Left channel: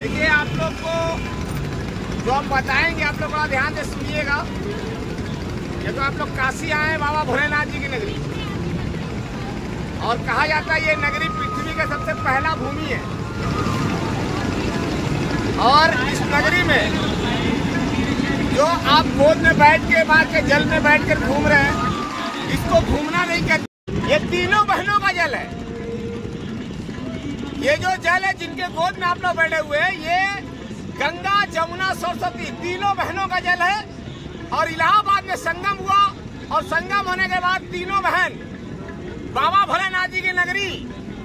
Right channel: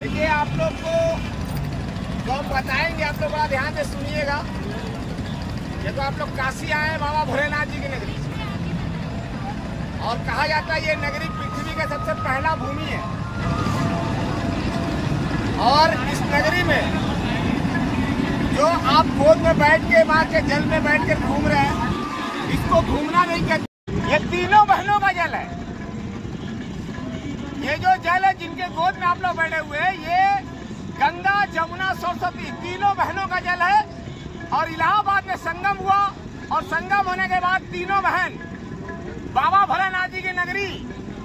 देखिए, आप लोग को जो हम बताएंगे आप लोग बड़ा ध्यान से सुनिएगा। ये तो आप लोग काशी आए हैं बाबा भोलेनाथ जी की नगरी, और कहा जाता है ये नगरी पृथ्वी का सबसे पहला भूमि है। और इस नगरी में जो आप गोद में बैठ के माँ के जल में बैठ कर घूम रहे हैं, इसको घूमना नहीं कहते। ये तीनों बहनों का जल है। ये जो जल है जिनके गोद में आप लोग बैठे हुए हैं, ये गंगा जमुना सरस्वती तीनों बहनों का जल है। और इलाहाबाद में संगम हुआ, और संगम होने के बाद तीनों बहन बाबा भोलेनाथ जी की नगरी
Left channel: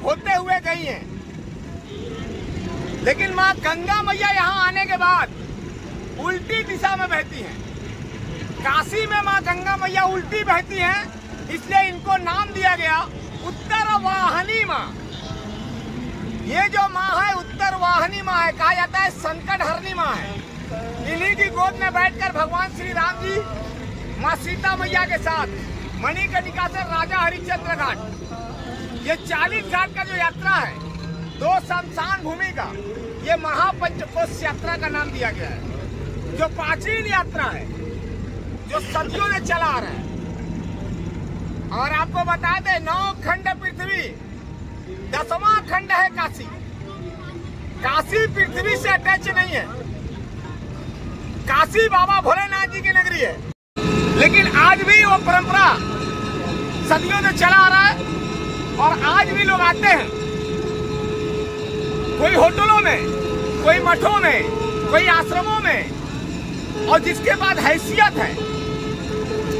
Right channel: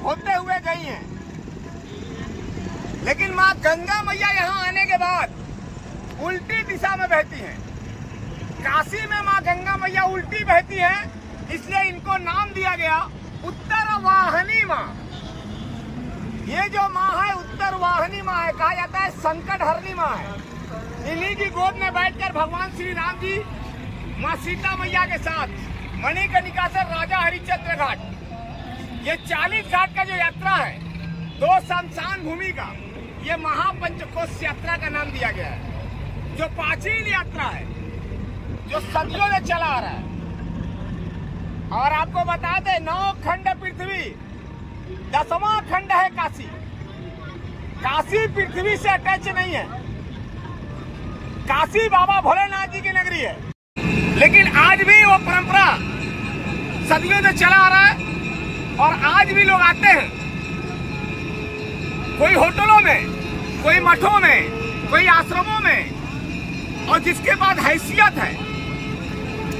होते हुए गई हैं। लेकिन माँ गंगा मैया यहाँ आने के बाद उल्टी दिशा में बहती हैं। काशी में माँ गंगा मैया उल्टी बहती हैं, इसलिए इनको नाम दिया गया उत्तर वाहिनी माँ। ये जो माँ है उत्तर वाहिनी माँ है, कहा जाता है संकट हरनी माँ है। इन्हीं की गोद में बैठकर भगवान श्री राम जी माँ सीता मैया के साथ मणिकर्णिका से राजा हरिश्चंद्र घाट, ये 40 घाट का जो यात्रा है, 2 शमशान भूमि का, ये महापंचकोश यात्रा का नाम दिया गया है। जो प्राचीन यात्रा है, जो सदियों में चला आ रहा है। और आपको बता दें, 9 खंड पृथ्वी, 10वां खंड है काशी। काशी पृथ्वी से अटैच नहीं है। काशी बाबा भोलेनाथ जी की नगरी है। लेकिन आज भी वो परंपरा सदियों से चला आ रहा है, और आज भी लोग आते हैं। कोई होटलों में, कोई मठों में, कोई आश्रमों में, और जिसके पास हैसियत है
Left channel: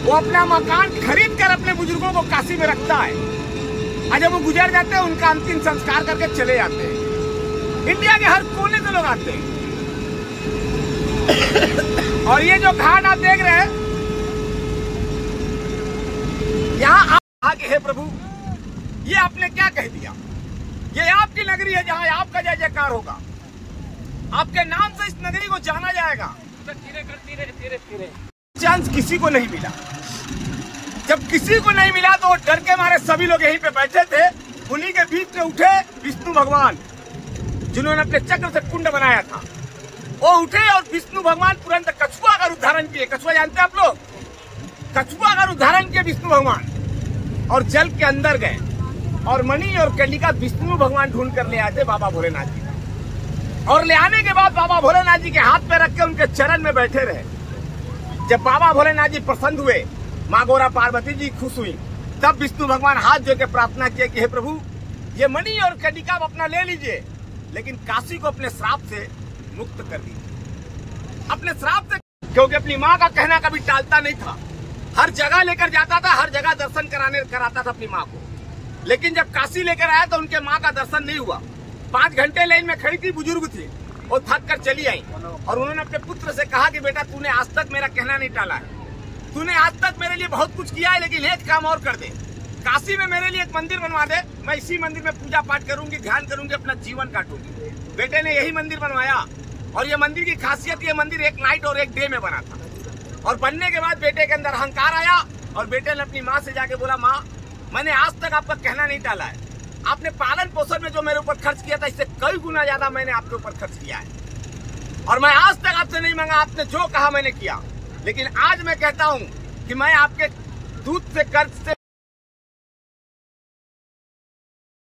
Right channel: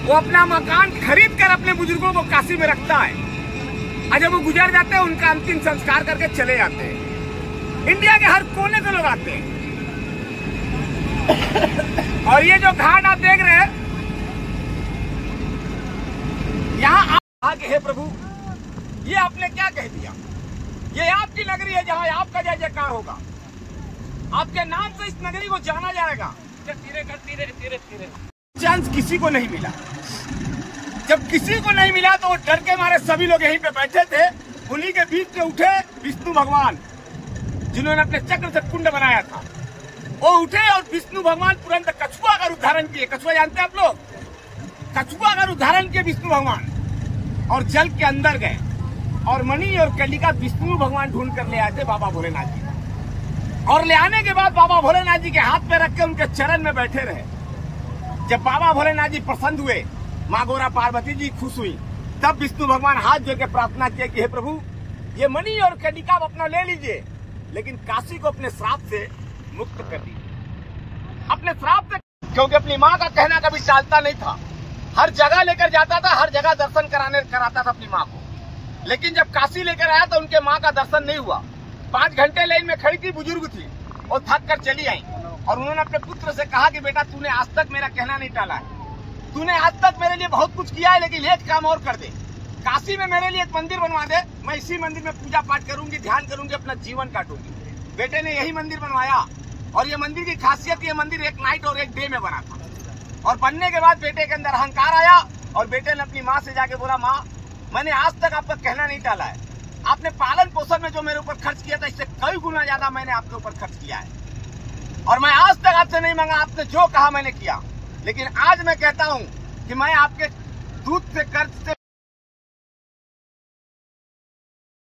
वो अपना मकान खरीद कर अपने बुजुर्गों को काशी में रखता है। और जब वो गुजर जाते हैं, उनका अंतिम संस्कार करके चले जाते हैं। इंडिया के हर कोने से लोग आते हैं। और ये जो घाट आप देख रहे हैं, यहाँ आगे है प्रभु, ये आपने क्या कह दिया? ये आपकी नगरी है जहाँ आपका जय जयकार होगा। आपके नाम से इस नगरी को जाना जाएगा। धीरे चांस किसी को नहीं मिला। जब किसी को नहीं मिला तो डर के मारे सभी लोग यहीं पे बैठे थे। उन्हीं के बीच में उठे विष्णु भगवान, जिन्होंने अपने चक्र से कुंड बनाया था। वो उठे और विष्णु भगवान तुरंत कछुआ का रूप धारण किए। कछुआ जानते हैं आप लोग? कछुआ का रूप धारण किए विष्णु भगवान, और जल के अंदर गए, और मणि और कलिका विष्णु भगवान ढूंढ कर ले आए थे बाबा भोलेनाथ जी। और ले आने के बाद बाबा भोलेनाथ जी के हाथ पे रख के उनके चरण में बैठे रहे। जब बाबा भोलेनाथ जी प्रसन्न हुए, माँ गौरा पार्वती जी खुश हुई, तब विष्णु भगवान हाथ जोड़ के प्रार्थना किए कि हे प्रभु, ये मणि और कलिका आप अपना ले लीजिए, लेकिन काशी को अपने श्राप से मुक्त कर दीजिए। अपने श्राप से, क्योंकि अपनी माँ का कहना कभी टालता नहीं था। हर जगह लेकर जाता था, हर जगह दर्शन कराता था अपनी माँ को। लेकिन जब काशी लेकर आया तो उनके माँ का दर्शन नहीं हुआ। 5 घंटे लाइन में खड़ी थी, बुजुर्ग थी, वो थक कर चली आई। और उन्होंने अपने पुत्र से कहा कि बेटा, तूने आज तक मेरा कहना नहीं टाला है। तूने आज तक मेरे लिए बहुत कुछ किया है, लेकिन एक काम और कर दे। काशी में मेरे लिए एक मंदिर बनवा दे। मैं इसी मंदिर में पूजा पाठ करूंगी, ध्यान करूंगी, अपना जीवन काटूंगी। बेटे ने यही मंदिर बनवाया। और ये मंदिर की खासियत, ये मंदिर एक नाइट और एक डे में बना था। और बनने के बाद बेटे के अंदर अहंकार आया, और बेटे ने अपनी माँ से जाके बोला, माँ, मैंने आज तक आपका कहना नहीं टाला है। आपने पालन पोषण में जो मेरे ऊपर खर्च किया था, इससे कई गुना ज्यादा मैंने आपके ऊपर खर्च किया है। और मैं आज तक आपसे नहीं मांगा, आपने जो कहा मैंने किया। लेकिन आज मैं कहता हूं कि मैं आपके दूध से कर्ज से